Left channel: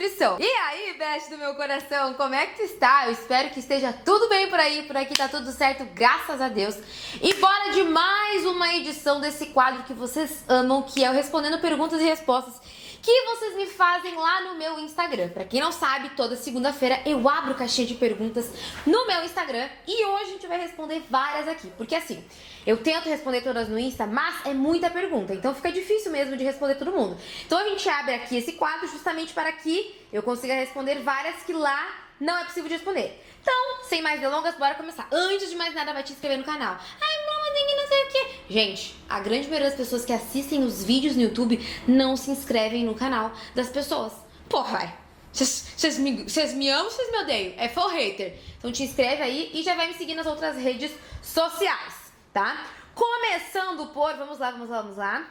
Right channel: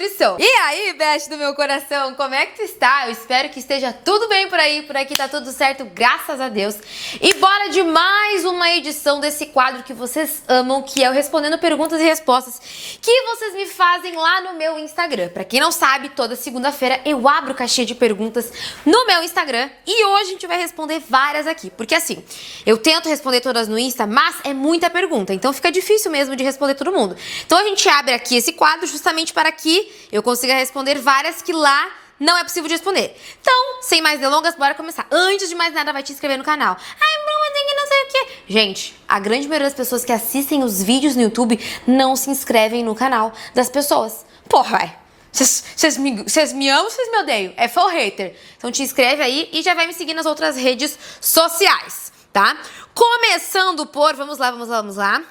nutrição. E aí, best do meu coração, como é que tu está? Eu espero que esteja tudo bem por aí, por aqui tá tudo certo, graças a Deus. E bora de mais uma edição desse quadro que vocês amam, que é o Respondendo Perguntas e Respostas, que vocês me fazem lá no meu Instagram. Pra quem não sabe, toda segunda-feira eu abro caixinha de perguntas no meu Instagram e hoje a gente vai responder várias aqui, porque assim, eu tento responder todas no Insta, mas é muita pergunta, então fica difícil mesmo de responder todo mundo. Então a gente abre aqui esse quadro justamente para que eu consiga responder várias que lá não é possível de responder. Então, sem mais delongas, bora começar. Antes de mais nada, vai te inscrever no canal. Ai, mas tem que não sei o quê. Gente, a grande maioria das pessoas que assistem os vídeos no YouTube não se inscrevem no canal das pessoas. Porra, vai. Vocês me amam, vocês me odeiam. É full hater. Então te inscreve aí e já vai me seguir nas outras redes sociais, tá? Começando por... Vamos lá.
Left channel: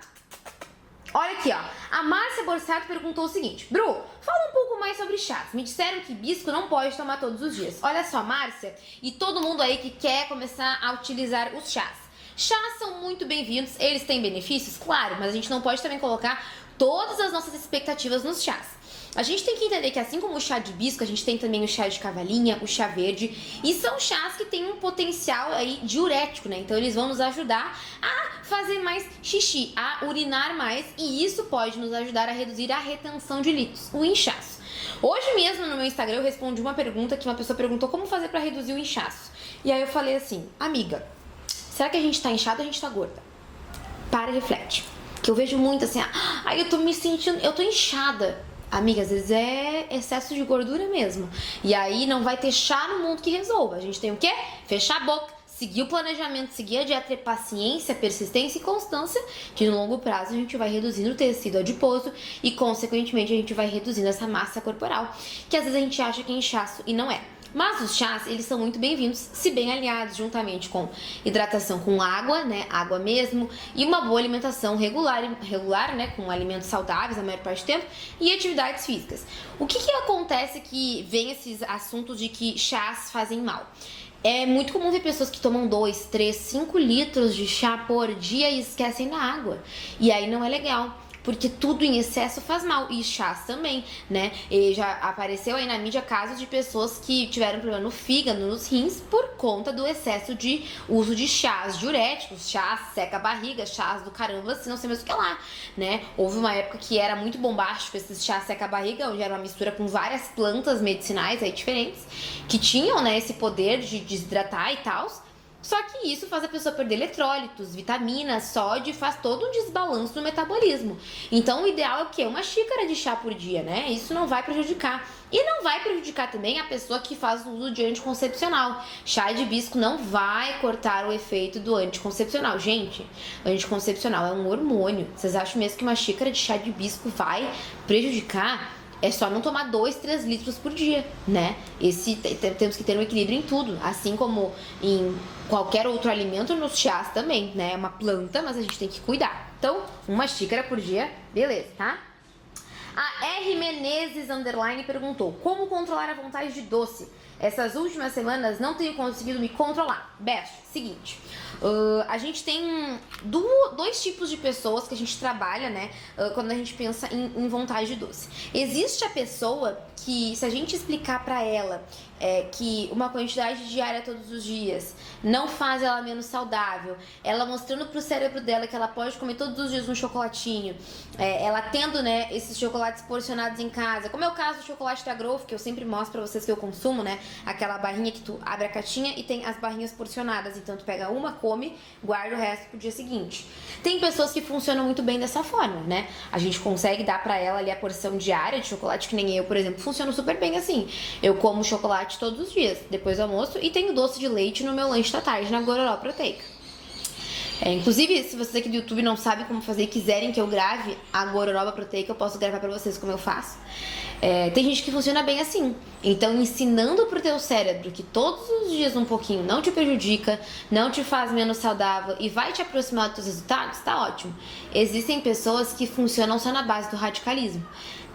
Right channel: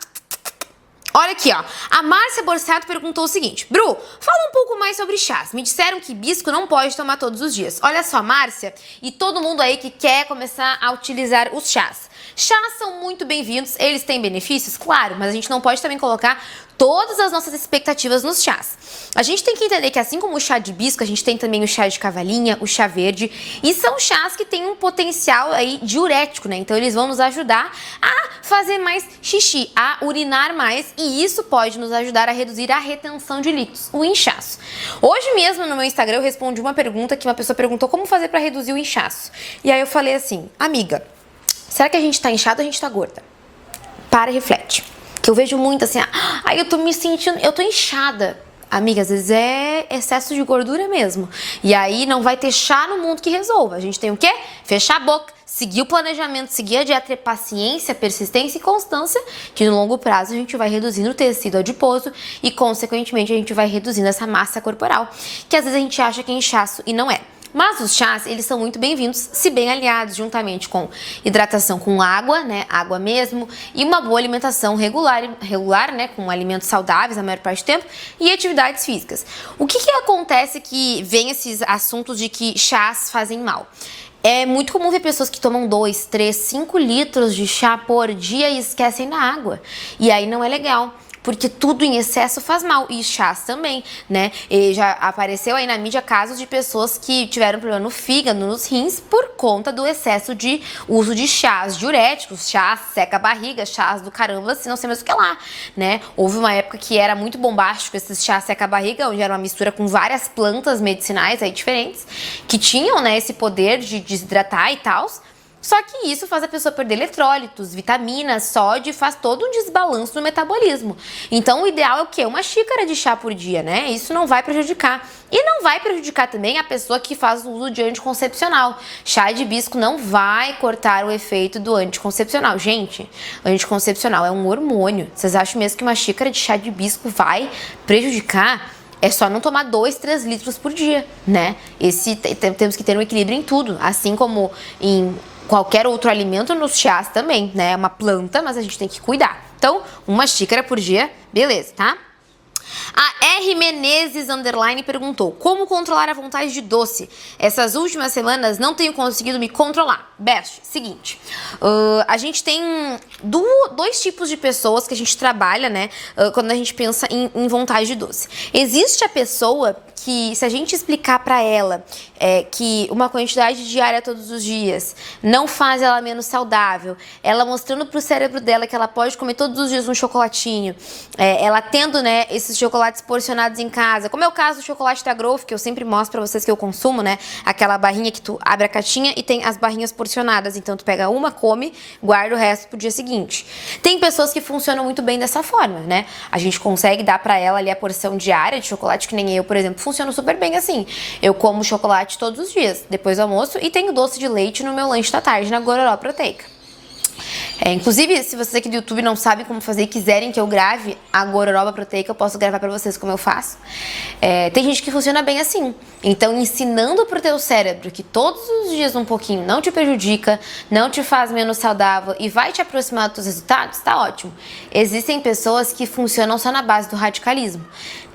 Olha aqui, ó. A Márcia Borsato perguntou o seguinte: Bru, fala um pouco mais sobre chás. Me disseram que hibisco não pode tomar todos os dias. Olha só, Márcia, e todo mundo aí que quer começar a utilizar os chás. Chás são muito bem-vindos, eles têm benefícios, claro, mas a gente não pode também colocar todas as nossas expectativas nos chás. A gente tem que entender que assim como o chá de hibisco, a gente tem também o chá de cavalinha, o chá verde, e são chás que têm um potencial aí diurético, né? Então eles vão nos ajudar a fazer mais xixi, a urinar mais, e isso pode nos ajudar a reduzir a retenção de líquidos, o inchaço. Hoje mesmo no meu Instagram eu respondi uma pergunta que uma pessoa perguntou como fazer para reduzir o inchaço. E aí eu falei assim: amiga, será que a gente tá inchado ou a gente tá gorda? Para e reflete. Que eu vejo muito assim, eu tô me sentindo, eu tô inchada. Amiga, às vezes é excesso de gordura mesmo. E aí não vai ter chá no mundo que resolva. A gente tem o quê? Fechar a boca, seguir o planejamento, seguir a dieta, ter paciência, persistência e constância, que no longo prazo a gente vai reduzindo o tecido adiposo e, consequentemente, a gente vai reduzindo essa massa corporal, que às vezes a gente acha que é inchaço e não é. Mas os chás, eles são muito bem-vindos se bem aliados juntamente com hidratação com água, né, água mesmo, e uma boa alimentação regular, né, com alimentos saudáveis a maior parte do tempo e atividades físicas. O que acontece que vem esses assuntos de que chás fazem mal? É muito comum ver pessoas que tomam 2, 3, 5 litros de chá por dia e esquecem da água. E aí não é legal, porque tudo em excesso faz mal, e chás também, né? E já apareceu aí na mídia casos de pessoas que tiveram problema no fígado, nos rins, por conta do excesso de uso de chás diuréticos, chás seca-barriga, chás do caramba, se não sei mais o que lá, né? Houve uma época que era muito bombástico esses chás seca-barriga, onde era uma mistura com várias plantas medicinais aí diferentes, que tinham, né, esse poder de desidratar e tal. Só que isso faz a pessoa perder eletrólitos, vitaminas, sódio, faz todo um desbalanço no metabolismo. Então o ideal é o quê? Uma xícara de chá por dia, né? Isso não vai prejudicar. E não vai prejudicar também a pessoa que faz o uso de anticoncepcional. Chá de hibisco não vai cortar o efeito do anticoncepcional. Gente, anticoncepcional é um hormônio. Vocês acham mesmo que uma xícara de chá de hibisco vai prejudicar? É só não tomar 2, 3 litros por dia, né? Temos que ter um equilíbrio em tudo, assim como em qualquer outro alimento, nos chás também, né? É uma planta, mas a gente tem que cuidar. Então, uma xícara por dia, beleza, tá? A R Menezes _ perguntou: como controlar a vontade de doce? Essas últimas semanas não tenho conseguido me controlar. Best, seguinte, a gente tem dois tipos de pessoas que a gente trabalha, né, quando a gente pensa em vontade de doce. Existe a pessoa que, se a gente explicar pra ela que uma quantidade diária todos os dias não faz ela menos saudável, ela mostrando pro cérebro dela que ela pode comer todos os dias um chocolatinho, ela tendo, né, esses chocolates porcionados em casa, como é o caso do chocolate da Growth, que eu sempre mostro pra vocês que eu consumo, né, aquela barrinha que tu abre a caixinha e tem as barrinhas porcionadas, então tu pega uma, come, guarda o resto pro dia seguinte. Tem pessoas que funcionam muito bem dessa forma, né, a gente consegue dar pra ela ali a porção diária de chocolate, que nem eu, por exemplo, funciona super bem assim. Eu como chocolate todos os dias, depois do almoço, e tenho doce de leite no meu lanche da tarde, na Gororó Proteica. Inclusive, se vocês aqui do YouTube não sabem como fazer e quiserem que eu grave a Gororoba Proteica, eu posso gravar pra vocês como eu faço. Tem gente que funciona bem assim. Então, ensinando pro teu cérebro que todos os dias um pouquinho não te prejudica, não te faz menos saudável e vai te aproximar dos teus resultados, tá ótimo. Existem pessoas que funcionam só na base do radicalismo.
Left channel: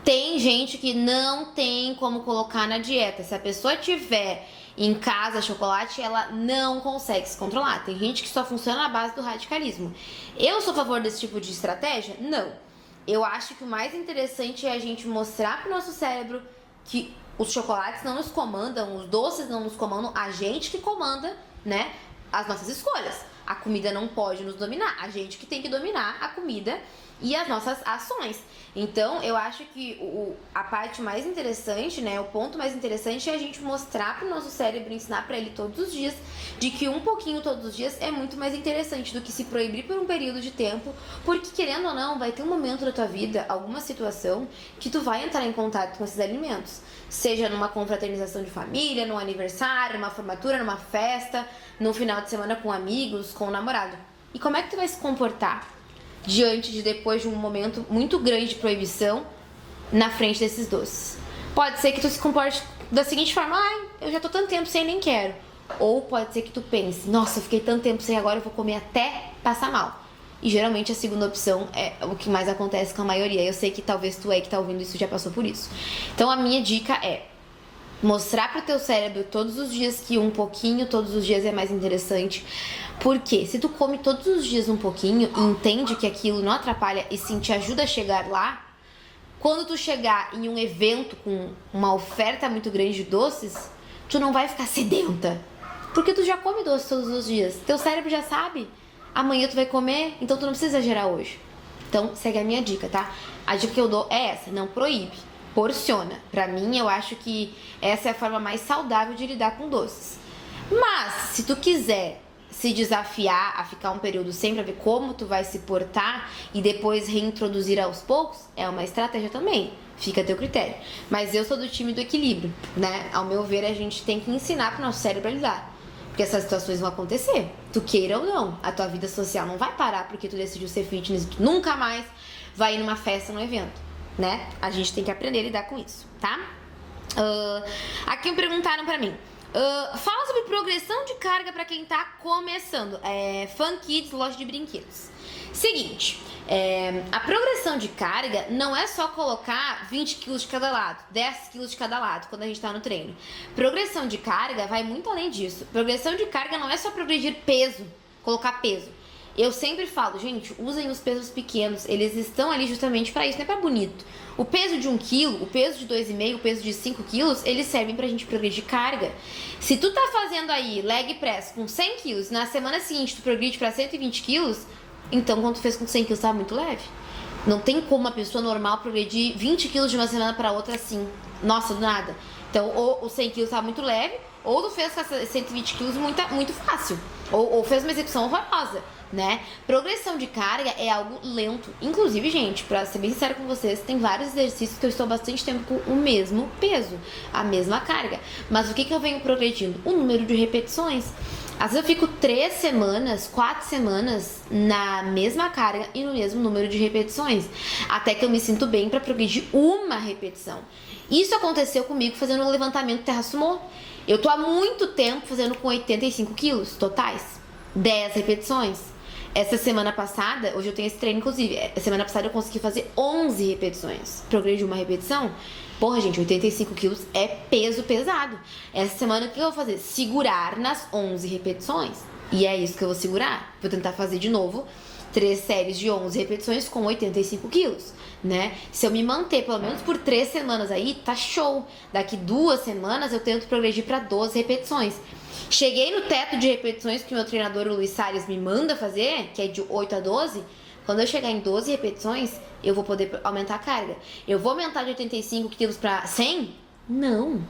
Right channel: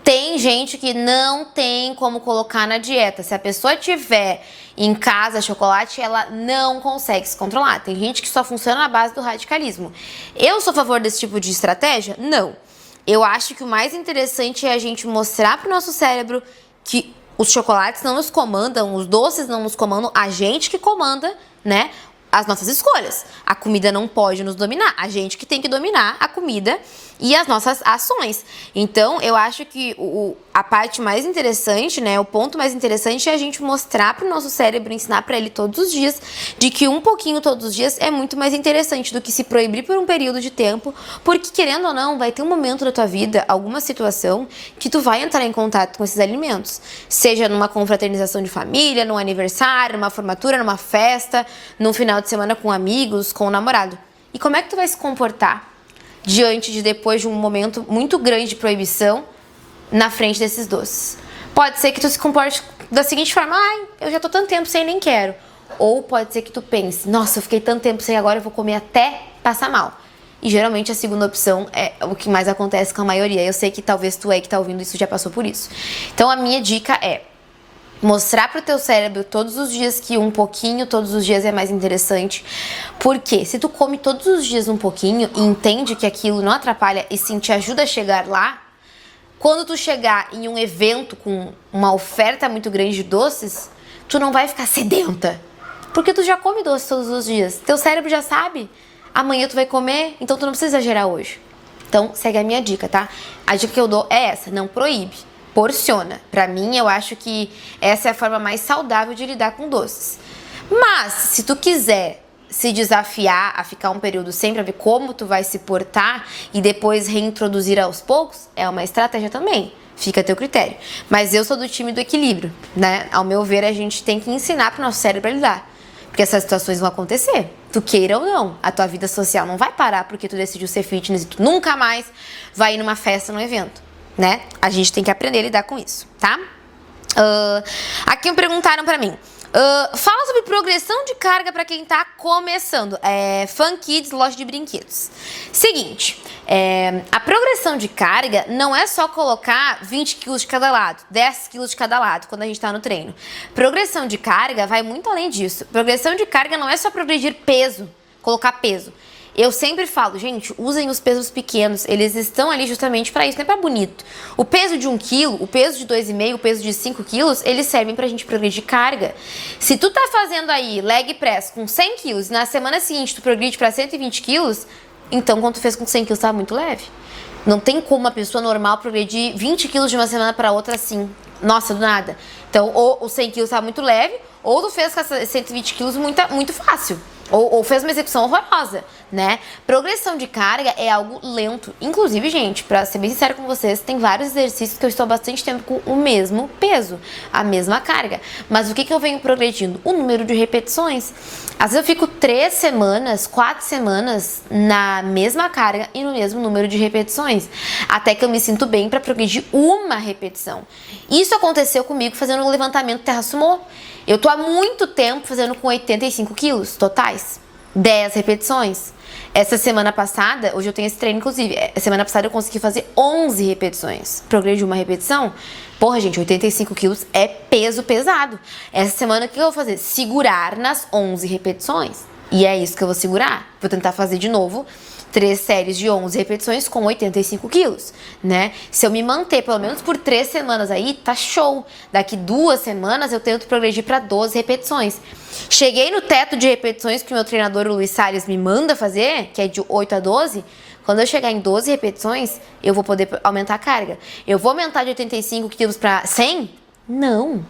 Tem gente que não tem como colocar na dieta. Se a pessoa tiver em casa chocolate, ela não consegue se controlar. Tem gente que só funciona na base do radicalismo. Eu sou a favor desse tipo de estratégia? Não. Eu acho que o mais interessante é a gente mostrar pro nosso cérebro que os chocolates não nos comandam, os doces não nos comandam, a gente que comanda, né? As nossas escolhas. A comida não pode nos dominar. A gente que tem que dominar a comida e as nossas ações. Então, eu acho que a parte mais interessante, né? O ponto mais interessante é a gente mostrar pro nosso cérebro, ensinar para ele todos os dias, de que um pouquinho todos os dias é muito mais interessante do que se proibir por um período de tempo, porque querendo ou não, vai ter um momento da tua vida, alguma situação, que tu vai entrar em contato com esses alimentos. Seja numa confraternização de família, num aniversário, numa formatura, numa festa, num final de semana com amigos, com o namorado. E como é que tu vai se comportar depois de um momento muito grande de proibição na frente desses doces? Pode ser que tu se comporte da seguinte forma: ai, eu já tô tanto tempo sem, nem quero. Ou pode ser que tu pense: nossa, eu fiquei tanto tempo sem, agora eu vou comer até passar mal. E geralmente a segunda opção é o que mais acontece com a maioria. Eu sei que talvez tu que tá ouvindo isso já passou por isso. Então a minha dica é mostrar pro teu cérebro todos os dias que um pouquinho todos os dias é mais interessante. Porque se tu come todos os dias um pouquinho e entende que aquilo não atrapalha e sim te ajuda a chegar lá, quando tu chegar em um evento com uma oferta muito grande de doces, tu não vai ficar sedenta. Porque tu já come doce todos os dias. Teu cérebro já sabe. Amanhã tu vai comer, então tu não precisa exagerar hoje. Então segue a minha dica, tá? A dica que eu dou é essa: não proíbe. Porciona. Pra mim, eu acho que essa é a forma mais saudável de lidar com doces. Mas, se tu quiser se desafiar a ficar um período sem pra ver como tu vai se portar e depois reintroduzir aos poucos, é uma estratégia também. Fica a teu critério. Mas eu sou do time do equilíbrio, né? Ao meu ver, a gente tem que ensinar pro nosso cérebro a lidar. Porque essas situações vão acontecer. Tu queira ou não. A tua vida social não vai parar porque tu decidiu ser fitness e tu nunca mais vai ir numa festa, num evento, né? A gente tem que aprender a lidar com isso, tá? Aqui me perguntaram pra mim. Fala sobre progressão de carga pra quem tá começando. Fun Kids, loja de brinquedos. Seguinte, a progressão de carga não é só colocar 20 quilos de cada lado, 10 quilos de cada lado quando a gente tá no treino. Progressão de carga vai muito além disso. Progressão de carga não é só progredir peso, colocar peso. Eu sempre falo, gente, usem os pesos pequenos, eles estão ali justamente para isso, não é para bonito. O peso de 1 quilo, o peso de 2,5, o peso de 5 quilos, eles servem pra gente progredir carga. Se tu tá fazendo aí leg press com 100 quilos e na semana seguinte tu progride para 120 quilos, então quando tu fez com 100 quilos tava muito leve. Não tem como uma pessoa normal progredir 20 quilos de uma semana para outra assim, nossa, do nada. Então, ou o 100 quilos tava muito leve, ou tu fez com 120 quilos muito fácil. Ou fez uma execução horrorosa, né? Progressão de carga é algo lento. Inclusive, gente, pra ser bem sincero com vocês, tem vários exercícios que eu estou há bastante tempo com o mesmo peso, a mesma carga. Mas o que eu venho progredindo? O número de repetições. Às vezes eu fico 3 semanas, 4 semanas na mesma carga e no mesmo número de repetições. Até que eu me sinto bem pra progredir uma repetição. Isso aconteceu comigo fazendo um levantamento terra sumô. Eu tô há muito tempo fazendo com 85 quilos totais, 10 repetições. Essa semana passada, hoje eu tenho esse treino inclusive, semana passada eu consegui fazer 11 repetições. Progredi uma repetição. Porra, gente, 85 quilos é peso pesado. Essa semana o que eu vou fazer? Segurar nas 11 repetições. E é isso que eu vou segurar. Vou tentar fazer de novo 3 séries de 11 repetições com 85 quilos, né? Se eu me manter pelo menos por 3 semanas aí, tá show. Daqui 2 semanas eu tento progredir para 12 repetições. Cheguei no teto de repetições que o meu treinador, o Luiz Salles, me manda fazer, que é de 8 a 12. Quando eu chegar em 12 repetições, eu vou poder aumentar a carga. Eu vou aumentar de 85 quilos para 100? Não.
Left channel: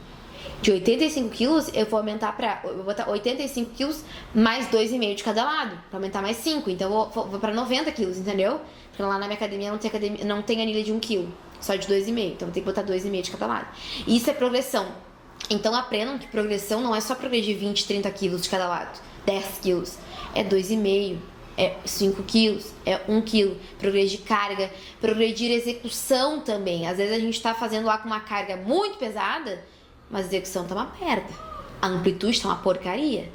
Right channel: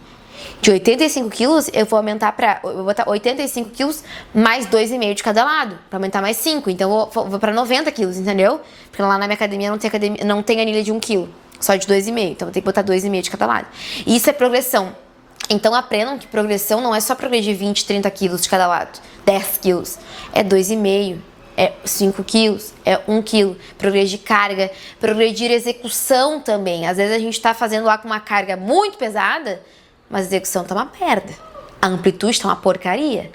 De 85 quilos, eu vou aumentar eu vou botar 85 quilos mais 2,5 de cada lado, pra aumentar mais 5. Então, eu vou pra 90 quilos, entendeu? Porque lá na minha academia não tem anilha de 1 quilo, só de 2,5. Então, eu vou ter que botar 2,5 de cada lado. E isso é progressão. Então, aprendam que progressão não é só progredir 20, 30 quilos de cada lado, 10 quilos. É 2,5. É 5 quilos, é 1 quilo. Progredir carga, progredir execução também. Às vezes a gente tá fazendo lá com uma carga muito pesada, mas a execução tá uma merda. A amplitude tá uma porcaria.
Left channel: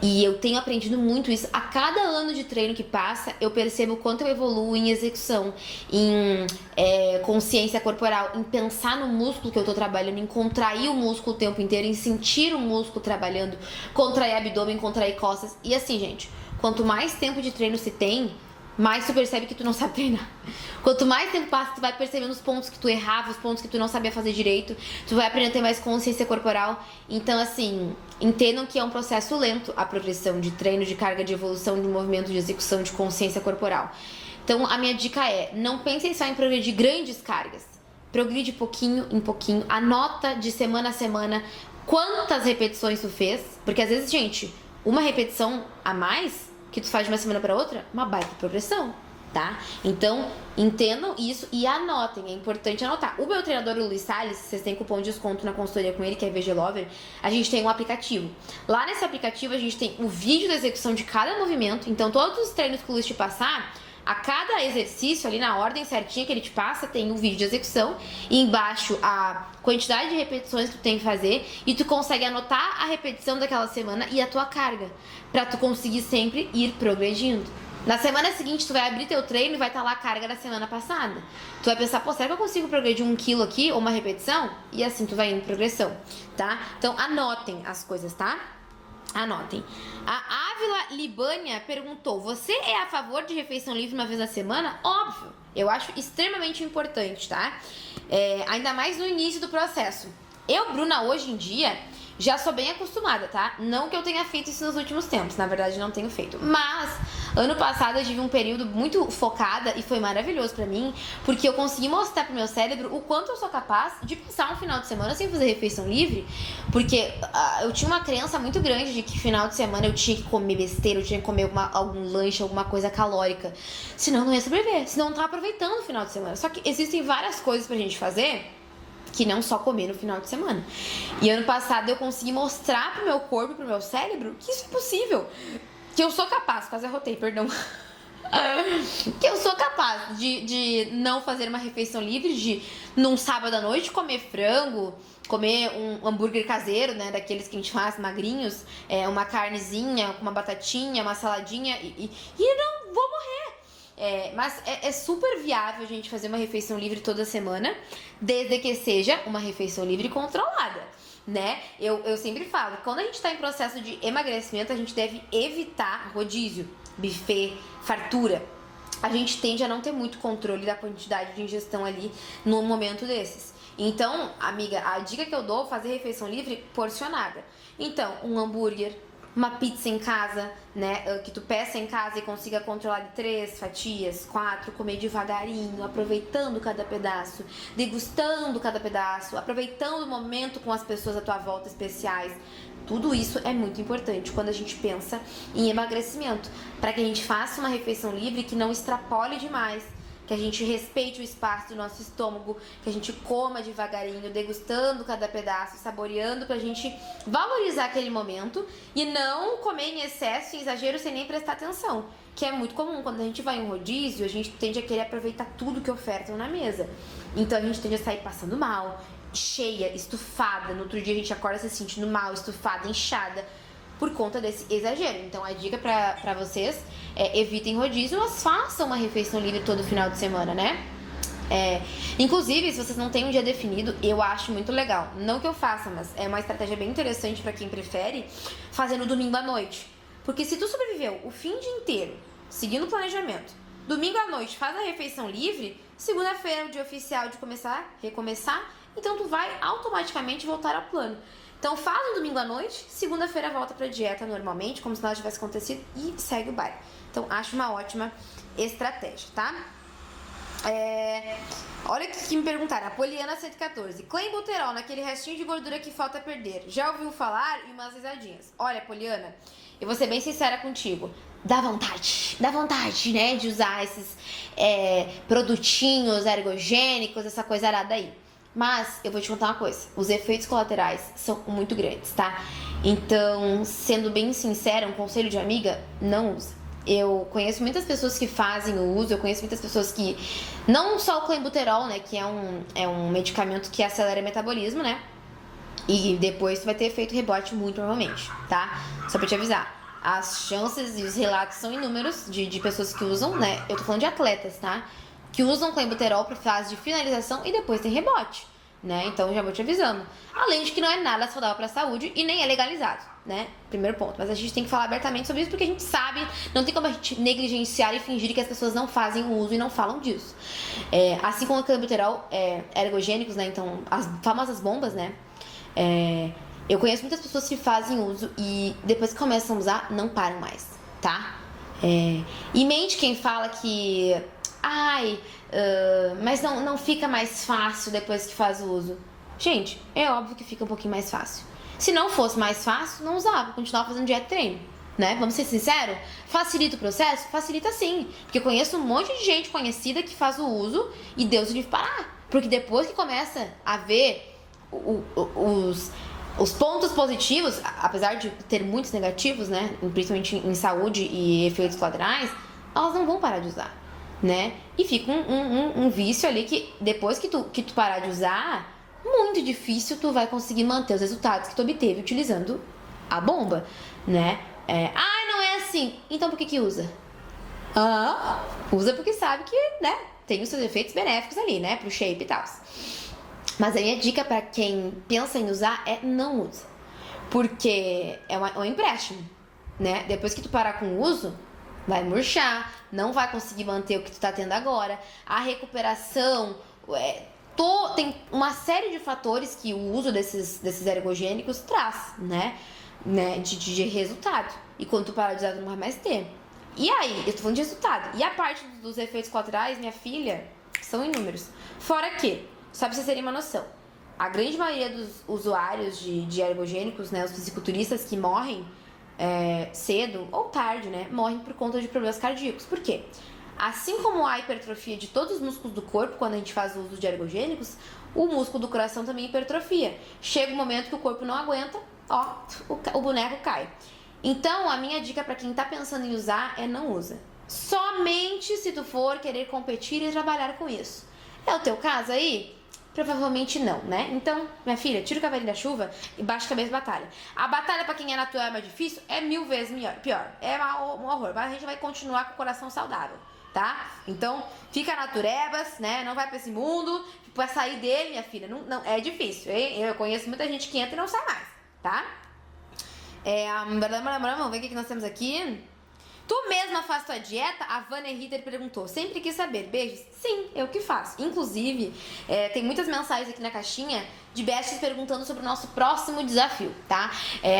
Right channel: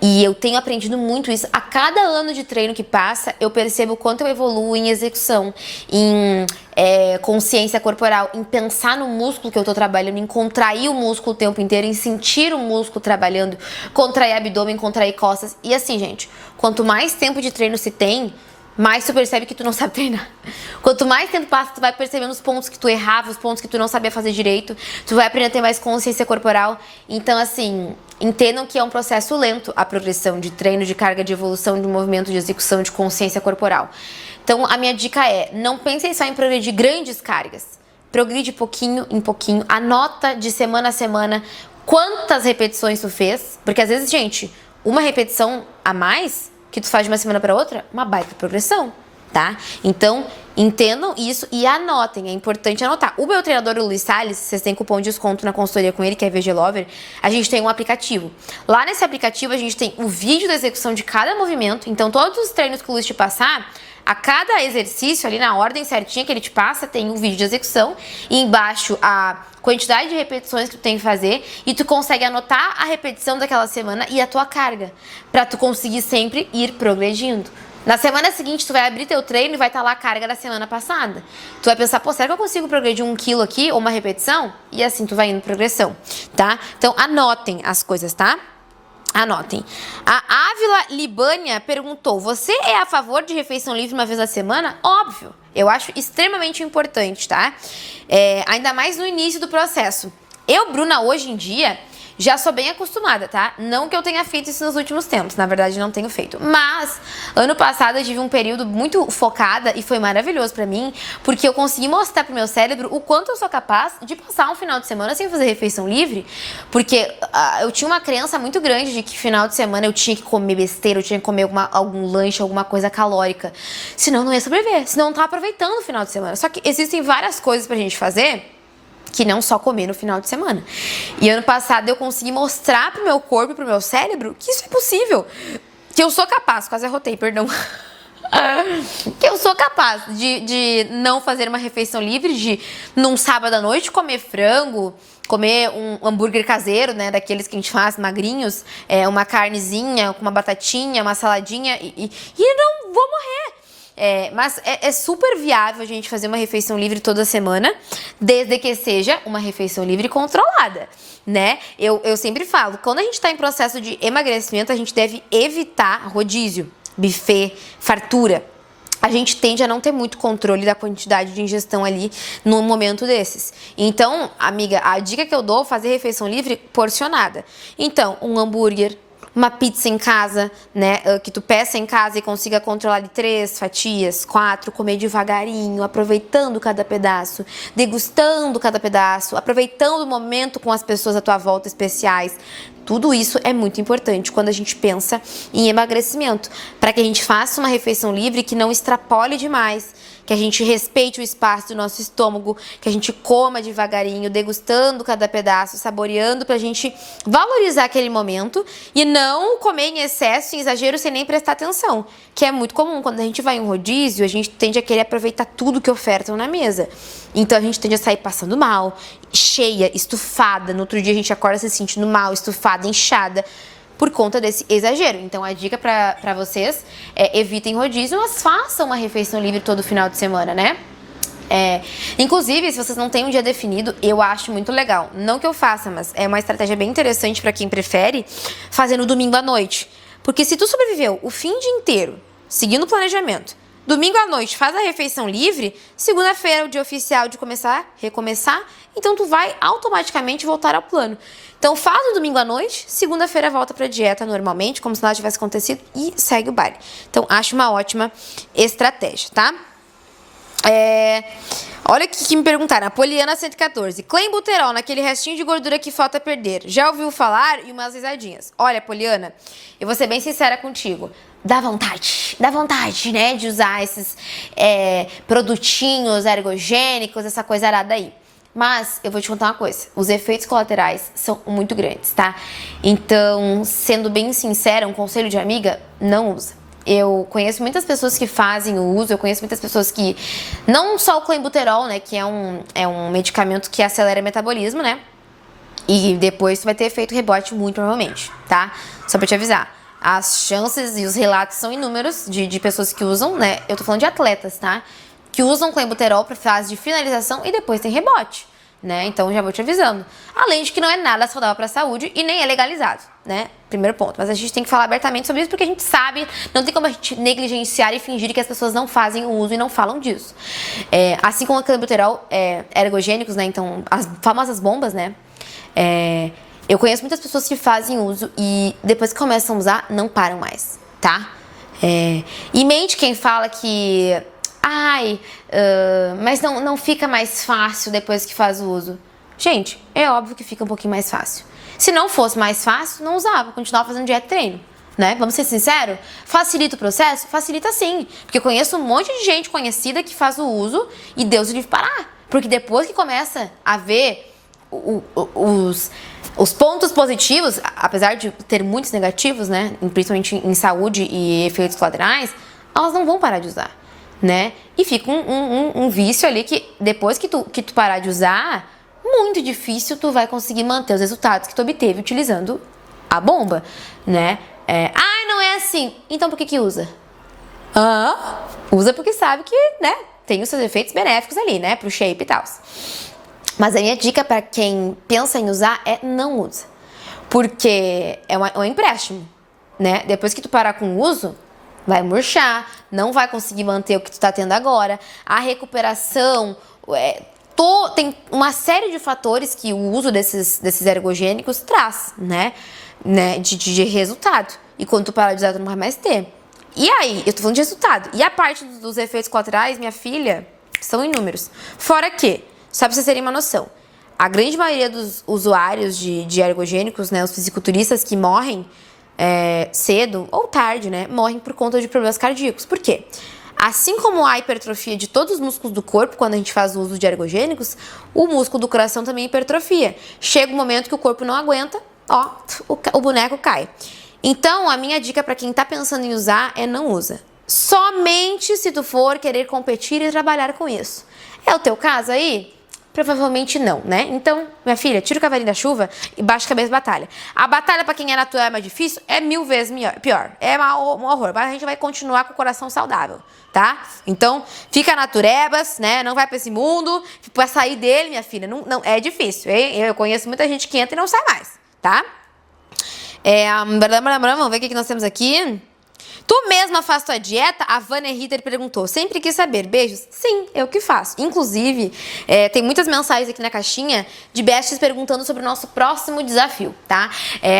E eu tenho aprendido muito isso. A cada ano de treino que passa, eu percebo o quanto eu evoluo em execução, em consciência corporal, em pensar no músculo que eu tô trabalhando, em contrair o músculo o tempo inteiro, em sentir o músculo trabalhando, contrair abdômen, contrair costas. E assim, gente, quanto mais tempo de treino se tem, mais tu percebe que tu não sabe treinar. Quanto mais tempo passa, tu vai percebendo os pontos que tu errava, os pontos que tu não sabia fazer direito, tu vai aprender a ter mais consciência corporal. Então, assim, entendam que é um processo lento a progressão de treino, de carga, de evolução, de movimento, de execução, de consciência corporal. Então, a minha dica é, não pensem só em progredir grandes cargas. Progride pouquinho em pouquinho, anota de semana a semana quantas repetições tu fez, porque às vezes, gente, uma repetição a mais que tu faz de uma semana para outra, uma baita progressão, tá? Então, entendam isso e anotem, é importante anotar. O meu treinador, o Luiz Salles, vocês têm cupom de desconto na consultoria com ele, que é VG Lover, a gente tem um aplicativo. Lá nesse aplicativo a gente tem o vídeo da execução de cada movimento, então todos os treinos que o Luiz te passar, a cada exercício, ali na ordem certinha que ele te passa, tem um vídeo de execução e embaixo a quantidade de repetições que tu tem que fazer e tu consegue anotar a repetição daquela semana e a tua carga, pra tu conseguir sempre ir progredindo. Na semana seguinte, tu vai abrir teu treino e vai estar lá a carga da semana passada. Tu vai pensar, pô, será que eu consigo progredir 1 quilo aqui ou uma repetição? E assim tu vai indo progressão, tá? Então anotem as coisas, tá? Anotem. A Ávila Libânia perguntou, você é a favor de refeição livre uma vez na semana? Óbvio, eu acho extremamente importante, tá? Ainda mais no início do processo. Eu, Bruna, hoje em dia, já sou bem acostumada, tá? Não que eu tenha feito isso nos últimos tempos, na verdade não tenho feito. Mas, ano passado eu tive um período muito focada e foi maravilhoso pra mim, porque eu consegui mostrar pro meu cérebro o quanto eu sou capaz de passar um final de semana sem fazer refeição livre, porque eu tinha uma crença muito grande de que final de semana eu tinha que comer besteira, eu tinha que comer algum lanche, alguma coisa calórica, senão eu não ia sobreviver, senão eu não tava aproveitando o final de semana. Só que existem várias coisas pra gente fazer que não só comer no final de semana. E ano passado eu consegui mostrar pro meu corpo e pro meu cérebro que isso é possível. Que eu sou capaz, quase arrotei, perdão. Que eu sou capaz de não fazer uma refeição livre, de num sábado à noite comer frango, comer um hambúrguer caseiro, né, daqueles que a gente faz magrinhos, uma carnezinha, com uma batatinha, uma saladinha e não vou morrer. Mas é super viável a gente fazer uma refeição livre toda semana, desde que seja uma refeição livre controlada, né? Eu sempre falo, quando a gente tá em processo de emagrecimento, a gente deve evitar rodízio, buffet, fartura. A gente tende a não ter muito controle da quantidade de ingestão ali num momento desses. Então, amiga, a dica que eu dou é fazer refeição livre porcionada. Então, um hambúrguer, uma pizza em casa, né, que tu peça em casa e consiga controlar de 3 fatias, 4, comer devagarinho, aproveitando cada pedaço, degustando cada pedaço, aproveitando o momento com as pessoas à tua volta especiais. Tudo isso é muito importante quando a gente pensa em emagrecimento, para que a gente faça uma refeição livre que não extrapole demais, que a gente respeite o espaço do nosso estômago, que a gente coma devagarinho, degustando cada pedaço, saboreando, pra gente valorizar aquele momento e não comer em excesso, em exagero, sem nem prestar atenção, que é muito comum. Quando a gente vai em um rodízio, a gente tende a querer aproveitar tudo que ofertam na mesa. Então a gente tende a sair passando mal, cheia, estufada, no outro dia a gente acorda se sentindo mal, estufada, inchada, por conta desse exagero. Então a dica pra vocês é evitem rodízio, mas façam uma refeição livre todo final de semana, né? Inclusive, se vocês não têm um dia definido, eu acho muito legal. Não que eu faça, mas é uma estratégia bem interessante pra quem prefere fazer no domingo à noite. Porque se tu sobreviveu o fim de inteiro seguindo o planejamento, domingo à noite faz a refeição livre, segunda-feira é o dia oficial de recomeçar, então tu vai automaticamente voltar ao plano. Então faz no domingo à noite, segunda-feira volta pra dieta normalmente, como se nada tivesse acontecido e segue o baile. Então acho uma ótima estratégia, tá? Olha o que me perguntaram, a Poliana 114, clenbuterol, naquele restinho de gordura que falta perder, já ouviu falar? E umas risadinhas. Olha, Poliana, eu vou ser bem sincera contigo, dá vontade, né, de usar esses produtinhos ergogênicos, essa coisa arada aí. Mas eu vou te contar uma coisa, os efeitos colaterais são muito grandes, tá? Então, sendo bem sincera, um conselho de amiga, não usa. Eu conheço muitas pessoas que fazem o uso, eu conheço muitas pessoas que... Não só o clenbuterol, né, que é um medicamento que acelera o metabolismo, né? E depois tu vai ter efeito rebote muito provavelmente, tá? Só pra te avisar. As chances e os relatos são inúmeros de pessoas que usam, né? Eu tô falando de atletas, tá? Que usam clenbuterol pra fase de finalização e depois tem rebote. né? Então já vou te avisando. Além de que não é nada saudável para a saúde e nem é legalizado, né? Primeiro ponto. Mas a gente tem que falar abertamente sobre isso porque a gente sabe, não tem como a gente negligenciar e fingir que as pessoas não fazem o uso e não falam disso. Assim como o clenbuterol ergogênicos, né? Então, as famosas bombas, né? Eu conheço muitas pessoas que fazem uso e depois que começam a usar, não param mais, tá? E mente quem fala que... mas não fica mais fácil depois que faz o uso. Gente, é óbvio que fica um pouquinho mais fácil. Se não fosse mais fácil, não usava, continuava fazendo dieta e treino, né? Vamos ser sinceros? Facilita o processo? Facilita sim. Porque eu conheço um monte de gente conhecida que faz o uso e Deus o livre parar. Porque depois que começa a ver os pontos positivos, apesar de ter muitos negativos, né? Principalmente em saúde e efeitos colaterais, elas não vão parar de usar, né? E fica um vício ali que depois que tu parar de usar, muito difícil tu vai conseguir manter os resultados que tu obteve utilizando a bomba, né? Não é assim. Então por que usa? Usa porque sabe que, né, tem os seus efeitos benéficos ali, né, pro shape e tal. Mas a minha dica para quem pensa em usar é não usa. Porque é um empréstimo, né? Depois que tu parar com o uso, vai murchar, não vai conseguir manter o que tu tá tendo agora. A recuperação, tem uma série de fatores que o uso desses ergogênicos traz, né? De resultado. E quando tu parar de usar, tu não vai mais ter. E aí, eu tô falando de resultado. E a parte dos efeitos colaterais, minha filha, são inúmeros. Fora que, só pra vocês terem uma noção, a grande maioria dos usuários de ergogênicos, né, os fisiculturistas que morrem cedo ou tarde, né, morrem por conta de problemas cardíacos. Por quê? Assim como a hipertrofia de todos os músculos do corpo, quando a gente faz o uso de ergogênicos, o músculo do coração também hipertrofia. Chega um momento que o corpo não aguenta, o boneco cai. Então, a minha dica para quem tá pensando em usar é não usa. Somente se tu for querer competir e trabalhar com isso. É o teu caso aí? Provavelmente não, né? Então, minha filha, tira o cavalinho da chuva e baixa a cabeça de batalha. A batalha pra quem é natural é mais difícil, é 1000 vezes pior. É um horror, mas a gente vai continuar com o coração saudável, tá? Então, fica naturebas, né? Não vai pra esse mundo, pra sair dele, minha filha, não é difícil. Eu conheço muita gente que entra e não sai mais, tá? Vamos ver o que nós temos aqui. Tu mesma faz tua dieta? A Vânia Ritter perguntou. Sempre quis saber. Beijos? Sim, eu que faço. Inclusive, tem muitas mensagens aqui na caixinha de besties perguntando sobre o nosso próximo desafio, tá?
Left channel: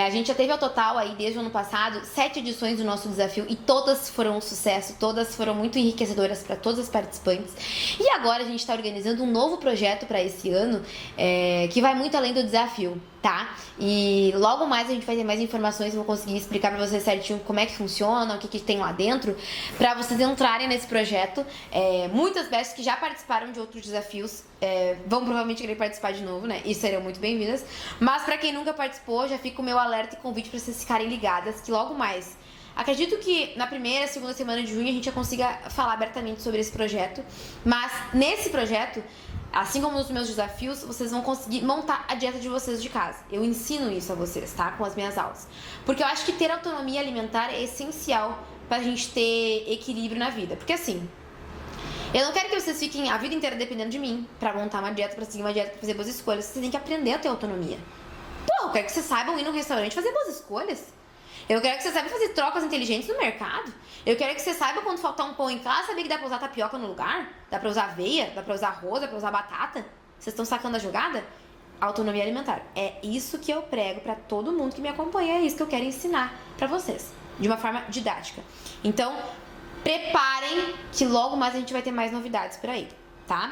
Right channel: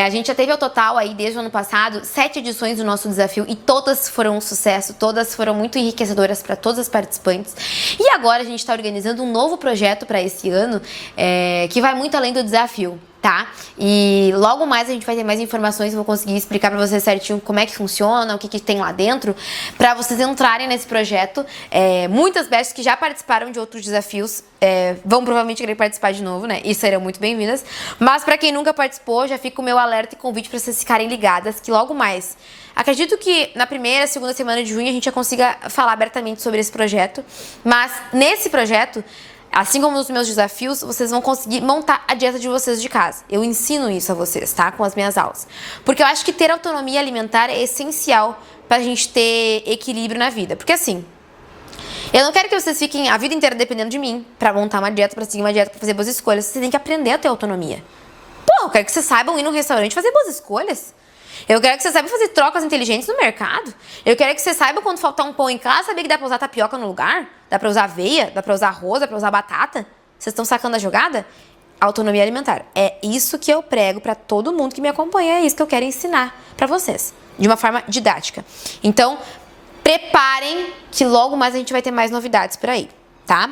A gente já teve ao total aí, desde o ano passado, 7 edições do nosso desafio e todas foram um sucesso, todas foram muito enriquecedoras para todos os participantes. E agora a gente está organizando um novo projeto para esse ano, que vai muito além do desafio, tá? E logo mais a gente vai ter mais informações, eu vou conseguir explicar pra vocês certinho como é que funciona, o que tem lá dentro, pra vocês entrarem nesse projeto. Muitas bestas que já participaram de outros desafios vão provavelmente querer participar de novo, né? E serão muito bem-vindas. Mas pra quem nunca participou, já fica o meu alerta e convite pra vocês ficarem ligadas, que logo mais, acredito que na primeira, segunda semana de junho a gente já consiga falar abertamente sobre esse projeto. Mas nesse projeto, assim como nos meus desafios, vocês vão conseguir montar a dieta de vocês de casa. Eu ensino isso a vocês, tá? Com as minhas aulas. Porque eu acho que ter autonomia alimentar é essencial pra gente ter equilíbrio na vida. Porque assim, eu não quero que vocês fiquem a vida inteira dependendo de mim pra montar uma dieta, pra seguir uma dieta, pra fazer boas escolhas. Vocês têm que aprender a ter autonomia. Pô, eu quero que vocês saibam ir num restaurante e fazer boas escolhas. Eu quero que vocês saibam fazer trocas inteligentes no mercado. Eu quero que vocês saibam quando faltar um pão em casa, saber que dá pra usar tapioca no lugar. Dá pra usar aveia, dá pra usar arroz, dá pra usar batata. Vocês estão sacando a jogada? Autonomia alimentar. É isso que eu prego pra todo mundo que me acompanha. É isso que eu quero ensinar pra vocês. De uma forma didática. Então, preparem que logo mais a gente vai ter mais novidades por aí, tá?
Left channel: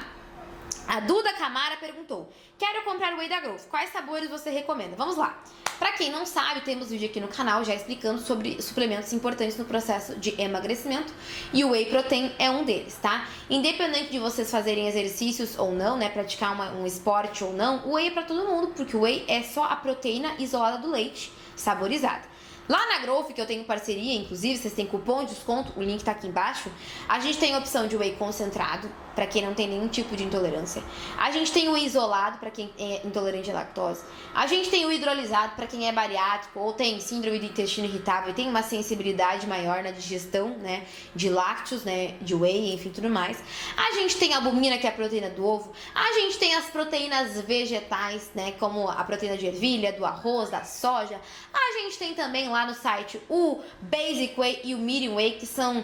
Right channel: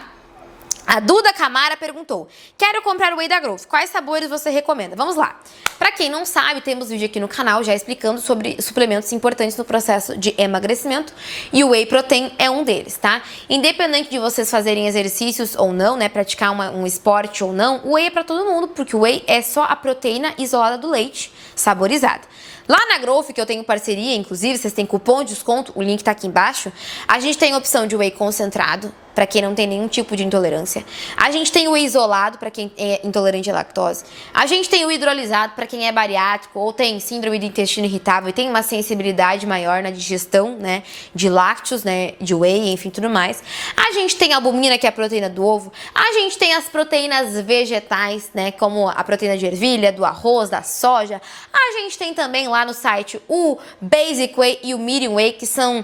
A Duda Camara perguntou: quero comprar o Whey da Growth, quais sabores você recomenda? Vamos lá. Pra quem não sabe, temos vídeo aqui no canal já explicando sobre suplementos importantes no processo de emagrecimento e o Whey Protein é um deles, tá? Independente de vocês fazerem exercícios ou não, né, praticar um esporte ou não, o Whey é pra todo mundo, porque o Whey é só a proteína isolada do leite, saborizada. Lá na Growth, que eu tenho parceria, inclusive, vocês têm cupom de desconto, o link tá aqui embaixo. A gente tem a opção de whey concentrado, para quem não tem nenhum tipo de intolerância. A gente tem o whey isolado, para quem é intolerante à lactose. A gente tem o hidrolisado, para quem é bariátrico ou tem síndrome do intestino irritável e tem uma sensibilidade maior na digestão, né, de lácteos, né, de whey, enfim, tudo mais. A gente tem a albumina, que é a proteína do ovo. A gente tem as proteínas vegetais, né, como a proteína de ervilha, do arroz, da soja. A gente tem também lá no site o Basic Whey e o Medium Whey, que são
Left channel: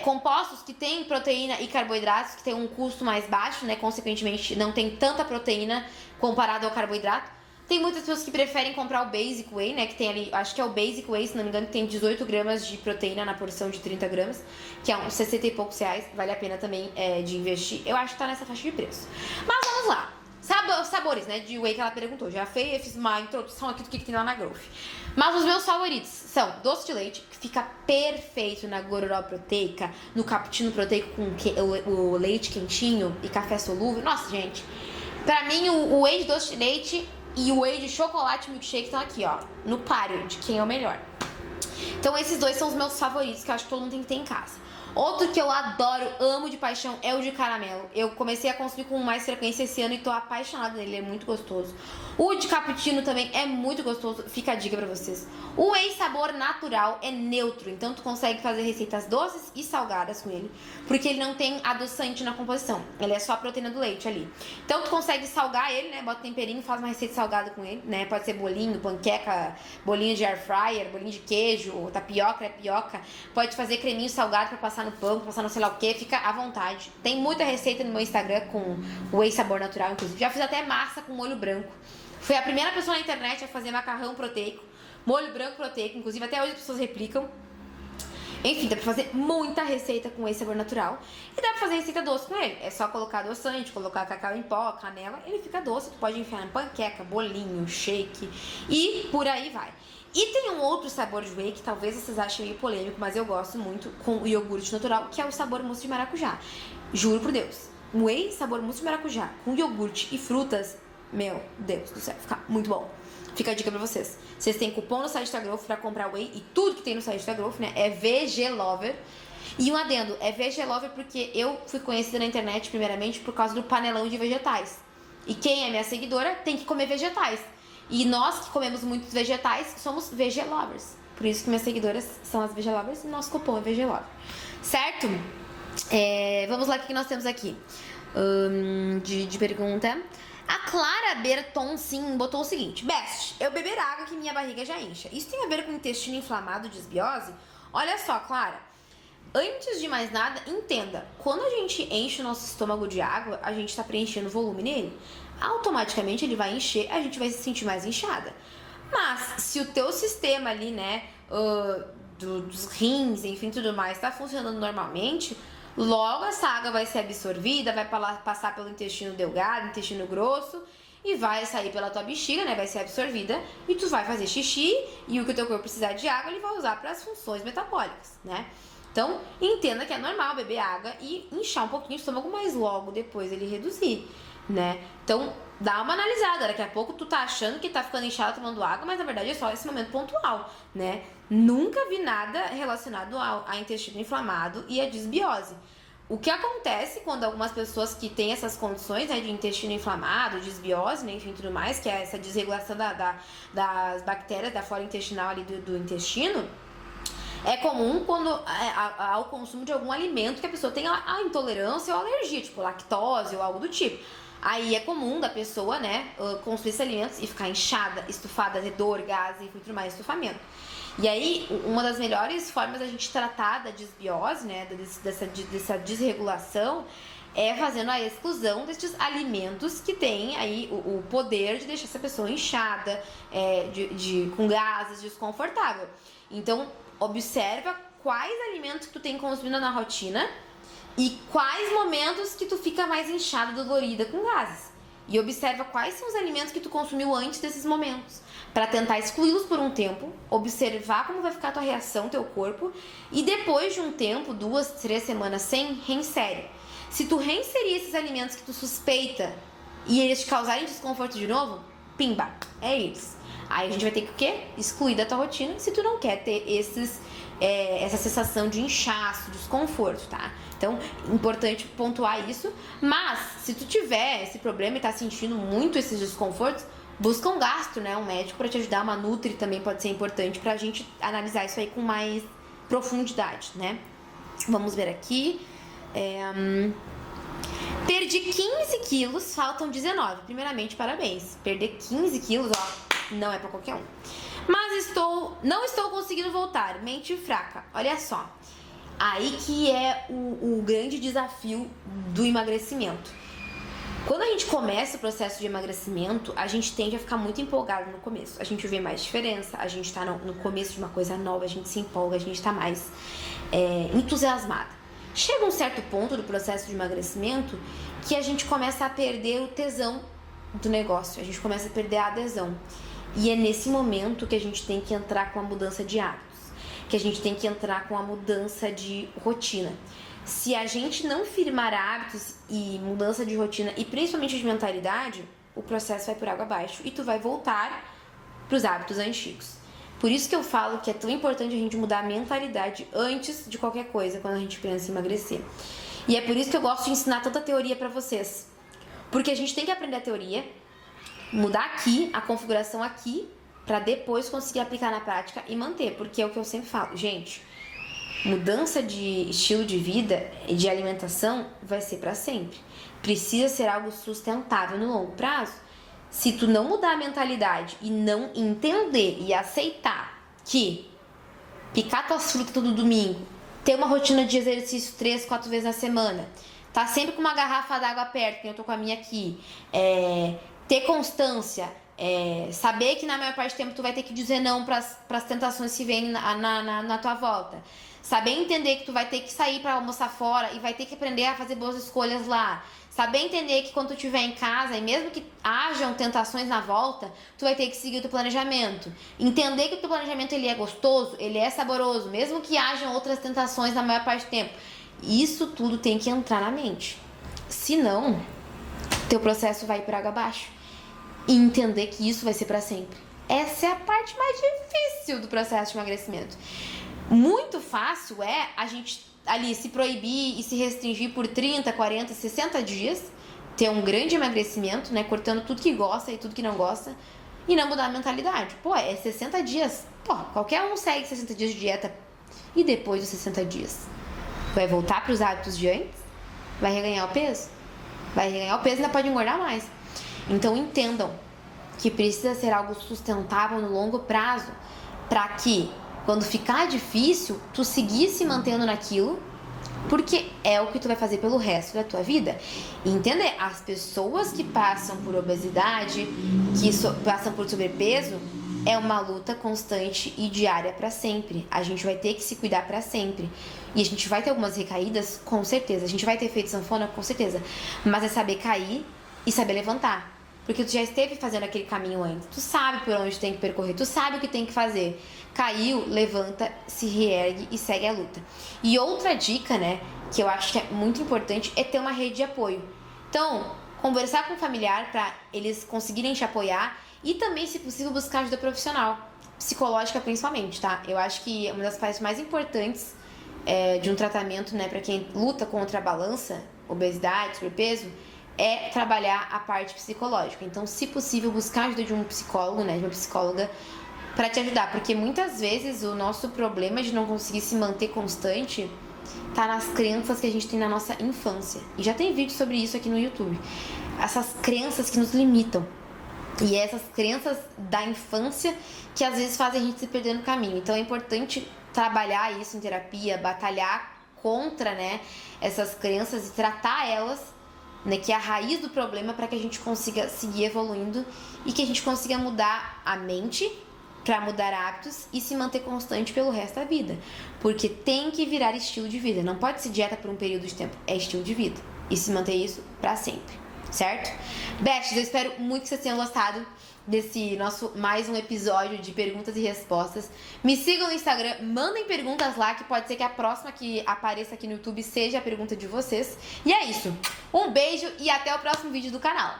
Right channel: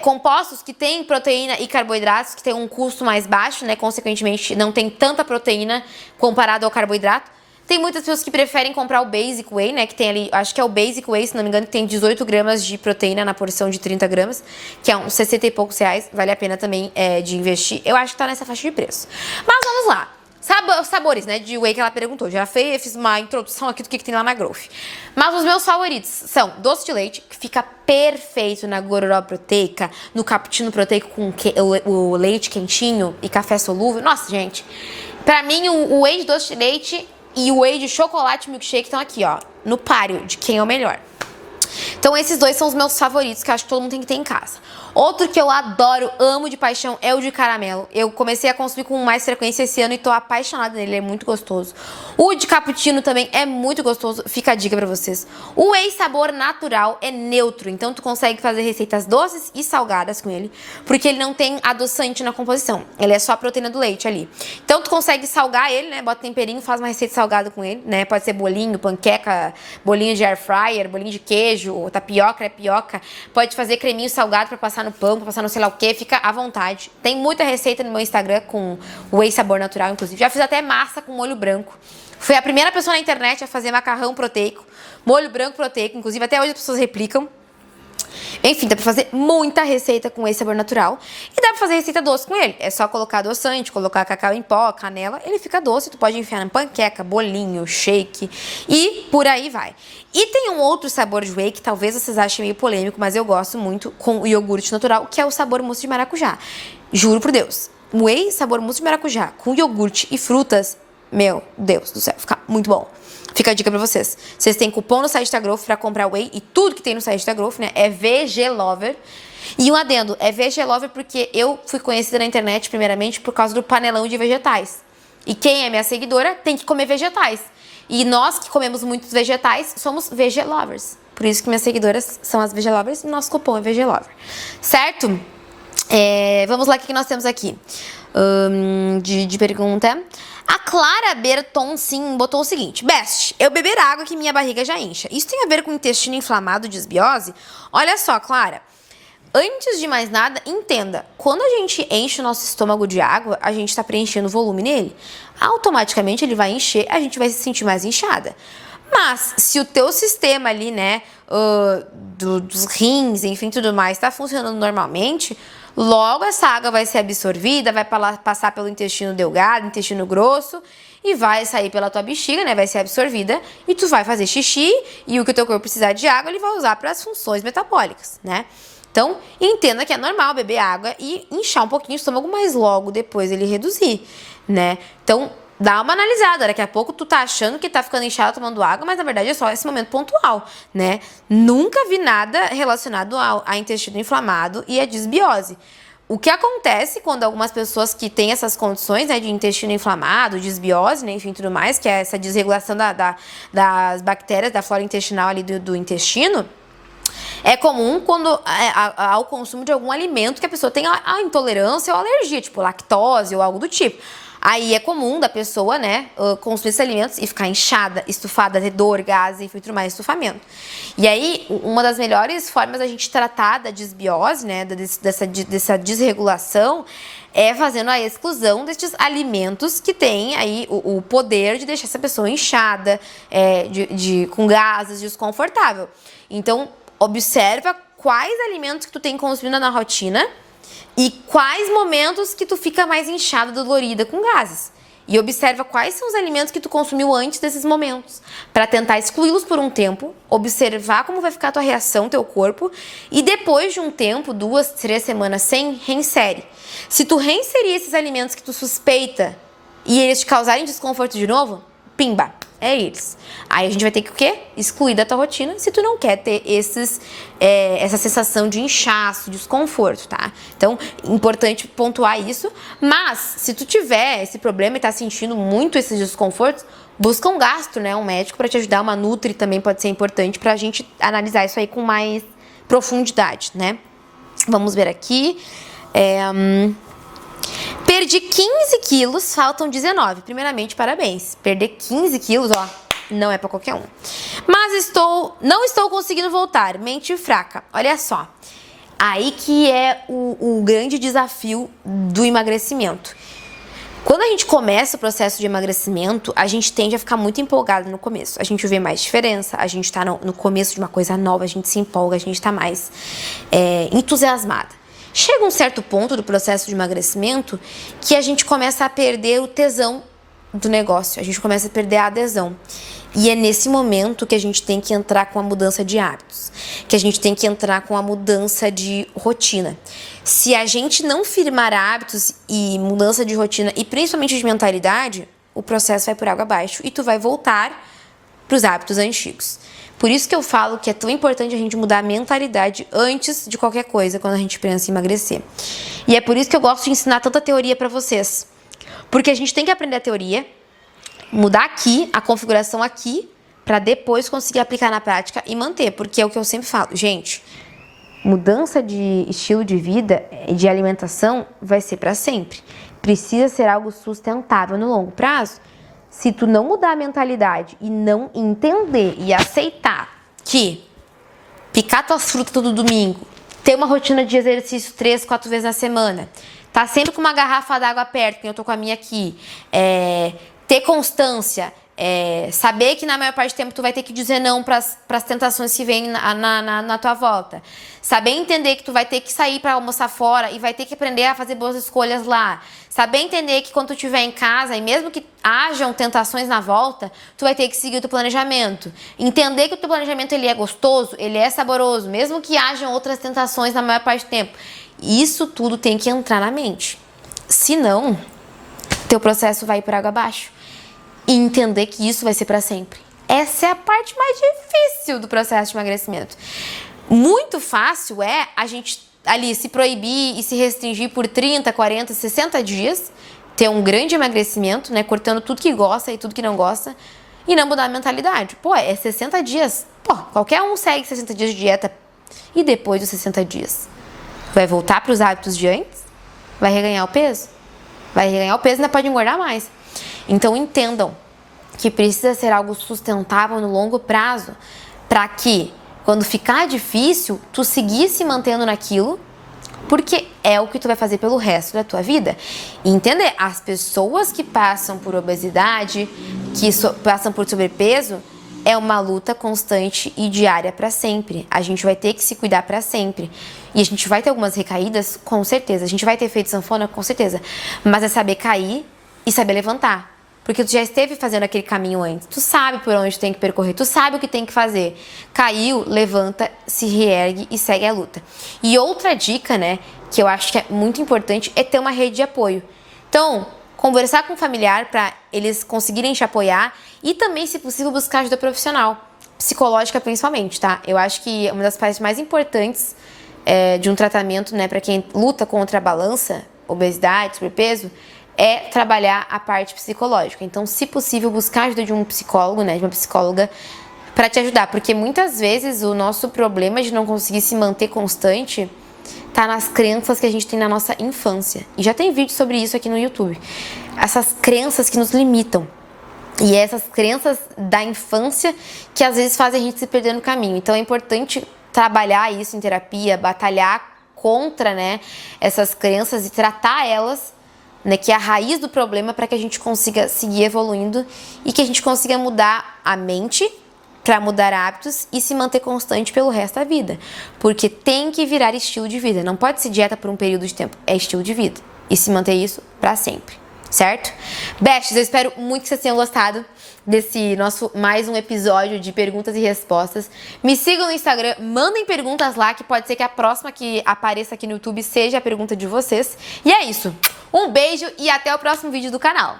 compostos que têm proteína e carboidratos, que tem um custo mais baixo, né? Consequentemente, não tem tanta proteína comparado ao carboidrato. Tem muitas pessoas que preferem comprar o Basic Whey, né? Que tem ali, acho que é o Basic Whey, se não me engano, que tem 18 gramas de proteína na porção de 30 gramas, que é uns 60 e poucos reais. Vale a pena também de investir. Eu acho que tá nessa faixa de preço. Mas vamos lá. Sabores, né, de whey que ela perguntou. Já fiz uma introdução aqui do que tem lá na Growth. Mas os meus favoritos são doce de leite, que fica perfeito na gororoba proteica, no cappuccino proteico com o leite quentinho e café solúvel. Nossa, gente, pra mim o whey de doce de leite e o whey de chocolate milkshake estão aqui, ó, no páreo de quem é o melhor. Então esses dois são os meus favoritos, que eu acho que todo mundo tem que ter em casa. Outro que eu adoro, amo de paixão, é o de caramelo. Eu comecei a consumir com mais frequência esse ano e tô apaixonada nele, ele é muito gostoso. O de cappuccino também é muito gostoso, fica a dica pra vocês. O whey sabor natural é neutro, então tu consegue fazer receitas doces e salgadas com ele, porque ele não tem adoçante na composição, ele é só a proteína do leite ali. Então tu consegue salgar ele, né, bota temperinho, faz uma receita salgada com ele, né, pode ser bolinho, panqueca, bolinho de air fryer, bolinho de queijo, tapioca, crepioca, pode fazer creminho salgado pra passar no pão, pra passar no sei lá o que, fica à vontade. Tem muita receita no meu Instagram com whey sabor natural, inclusive. Já fiz até massa com molho branco. Fui a primeira pessoa na internet a fazer macarrão proteico, molho branco proteico, inclusive até hoje as pessoas replicam. Enfim, dá pra fazer muita receita com esse sabor natural. E dá pra fazer receita doce com ele. É só colocar adoçante, colocar cacau em pó, canela. Ele fica doce, tu pode enfiar na panqueca, bolinho, shake e por aí vai. E tem um outro sabor de whey que talvez vocês achem meio polêmico, mas eu gosto muito, com o iogurte natural, que é o sabor mousse de maracujá. Juro por Deus, whey sabor mousse de maracujá com iogurte e frutas, meu Deus do céu, fica muito bom. Fica a dica pra vocês. Vocês têm cupom no site da Growth pra comprar whey e tudo que tem no site da Growth, né? É VG Lover. E um adendo, é VG Lover porque eu fui conhecida na internet primeiramente por causa do panelão de vegetais. E quem é minha seguidora tem que comer vegetais. E nós que comemos muitos vegetais somos VG Lovers. Por isso que minhas seguidoras são as VG Lovers e nosso cupom é VG Lover. Certo? Vamos lá, o que nós temos aqui? De pergunta. A Clara Berton, sim, botou o seguinte: Best, eu beber água que minha barriga já incha. Isso tem a ver com intestino inflamado, desbiose? Olha só, Clara, antes de mais nada, entenda, quando a gente enche o nosso estômago de água, a gente está preenchendo volume nele, automaticamente ele vai encher, a gente vai se sentir mais inchada. Mas, se o teu sistema ali, né, dos rins, enfim, tudo mais, está funcionando normalmente, logo essa água vai ser absorvida, vai passar pelo intestino delgado, intestino grosso e vai sair pela tua bexiga, né? Vai ser absorvida e tu vai fazer xixi e o que o teu corpo precisar de água, ele vai usar para as funções metabólicas, né? Então, entenda que é normal beber água e inchar um pouquinho o estômago, mas logo depois ele reduzir, né? Então, dá uma analisada, daqui a pouco tu tá achando que tá ficando inchado tomando água, mas na verdade é só esse momento pontual, né? Nunca vi nada relacionado a intestino inflamado e a desbiose. O que acontece quando algumas pessoas que têm essas condições, né, de intestino inflamado, desbiose, né, enfim, tudo mais, que é essa desregulação das bactérias, da flora intestinal ali do intestino, é comum quando ao consumo de algum alimento que a pessoa tem a intolerância ou alergia, tipo lactose ou algo do tipo. Aí é comum da pessoa, né, consumir esses alimentos e ficar inchada, estufada, ter dor, gases, enfim, tudo mais, estufamento. E aí, uma das melhores formas da gente tratar da desbiose, né, dessa desregulação, é fazendo a exclusão desses alimentos que têm aí o poder de deixar essa pessoa inchada, com gases, desconfortável. Então, observa quais alimentos que tu tem consumido na rotina e quais momentos que tu fica mais inchada, dolorida, com gases. E observa quais são os alimentos que tu consumiu antes desses momentos, para tentar excluí-los por um tempo, observar como vai ficar a tua reação, teu corpo, e depois de um tempo, 2, 3 semanas sem, reinsere. Se tu reinserir esses alimentos que tu suspeita e eles te causarem desconforto de novo, pimba, é eles. Aí a gente vai ter que o quê? Excluir da tua rotina se tu não quer ter essa sensação de inchaço, de desconforto, tá? Então, importante pontuar isso. Mas, se tu tiver esse problema e tá sentindo muito esses desconfortos, busca um gastro, né? Um médico para te ajudar. Uma nutri também pode ser importante pra gente analisar isso aí com mais profundidade, né? Vamos ver aqui. Perdi 15 quilos, faltam 19. Primeiramente, parabéns. Perder 15 quilos, ó, não é pra qualquer um. Mas não estou conseguindo voltar. Mente fraca. Olha só. Aí que é o grande desafio do emagrecimento. Quando a gente começa o processo de emagrecimento, a gente tende a ficar muito empolgado no começo. A gente vê mais diferença, a gente tá no começo de uma coisa nova, a gente se empolga, a gente tá mais entusiasmada. Chega um certo ponto do processo de emagrecimento que a gente começa a perder o tesão do negócio, a gente começa a perder a adesão. E é nesse momento que a gente tem que entrar com a mudança de hábitos, que a gente tem que entrar com a mudança de rotina. Se a gente não firmar hábitos e mudança de rotina e principalmente de mentalidade, o processo vai por água abaixo e tu vai voltar para os hábitos antigos. Por isso que eu falo que é tão importante a gente mudar a mentalidade antes de qualquer coisa quando a gente pensa em emagrecer. E é por isso que eu gosto de ensinar tanta teoria para vocês. Porque a gente tem que aprender a teoria, mudar aqui, a configuração aqui, para depois conseguir aplicar na prática e manter. Porque é o que eu sempre falo. Gente, mudança de estilo de vida, de alimentação, vai ser para sempre. Precisa ser algo sustentável no longo prazo. Se tu não mudar a mentalidade e não entender e aceitar que picar tuas frutas todo domingo, ter uma rotina de exercício 3, 4 vezes na semana, tá sempre com uma garrafa d'água perto, que eu tô com a minha aqui, ter constância, saber que na maior parte do tempo tu vai ter que dizer não pras tentações que vêm na tua volta. Saber entender que tu vai ter que sair para almoçar fora e vai ter que aprender a fazer boas escolhas lá. Saber entender que quando tu estiver em casa, e mesmo que hajam tentações na volta, tu vai ter que seguir o teu planejamento. Entender que o teu planejamento ele é gostoso, ele é saboroso, mesmo que hajam outras tentações na maior parte do tempo. Isso tudo tem que entrar na mente. Senão, teu processo vai por água abaixo. E entender que isso vai ser para sempre. Essa é a parte mais difícil do processo de emagrecimento. Muito fácil é a gente ali se proibir e se restringir por 30, 40, 60 dias, ter um grande emagrecimento, né, cortando tudo que gosta e tudo que não gosta e não mudar a mentalidade. Pô, é 60 dias. Pô, qualquer um segue 60 dias de dieta e depois dos 60 dias vai voltar para os hábitos de antes? Vai reganhar o peso? Vai reganhar o peso e ainda pode engordar mais. Então entendam que precisa ser algo sustentável no longo prazo para que quando ficar difícil, tu seguir se mantendo naquilo, porque é o que tu vai fazer pelo resto da tua vida. E entender, as pessoas que passam por obesidade, passam por sobrepeso, é uma luta constante e diária para sempre. A gente vai ter que se cuidar para sempre. E a gente vai ter algumas recaídas, com certeza. A gente vai ter feito sanfona, com certeza. Mas é saber cair e saber levantar. Porque tu já esteve fazendo aquele caminho antes. Tu sabe por onde tem que percorrer. Tu sabe o que tem que fazer. Caiu, levanta, se reergue e segue a luta. E outra dica, né, que eu acho que é muito importante, é ter uma rede de apoio. Então, conversar com o familiar para eles conseguirem te apoiar e também, se possível, buscar ajuda profissional. Psicológica, principalmente, tá? Eu acho que uma das partes mais importantes de um tratamento, né, para quem luta contra a balança, obesidade, sobrepeso, é trabalhar a parte psicológica. Então, se possível, buscar a ajuda de um psicólogo, né, de uma psicóloga, para te ajudar. Porque muitas vezes o nosso problema de não conseguir se manter constante tá nas crenças que a gente tem na nossa infância. E já tem vídeo sobre isso aqui no YouTube. Essas crenças que nos limitam. E essas crenças da infância que às vezes fazem a gente se perder no caminho. Então, é importante trabalhar isso em terapia, batalhar contra, né, essas crenças e tratar elas, né, que é a raiz do problema, para que a gente consiga seguir evoluindo e que a gente consiga mudar a mente para mudar hábitos e se manter constante pelo resto da vida. Porque tem que virar estilo de vida. Não pode ser dieta por um período de tempo. É estilo de vida. E se manter isso para sempre. Certo? Besties, eu espero muito que vocês tenham gostado desse nosso mais um episódio de perguntas e respostas. Me sigam no Instagram, mandem perguntas lá, que pode ser que a próxima que apareça aqui no YouTube seja a pergunta de vocês. E é isso. Um beijo e até o próximo vídeo do canal.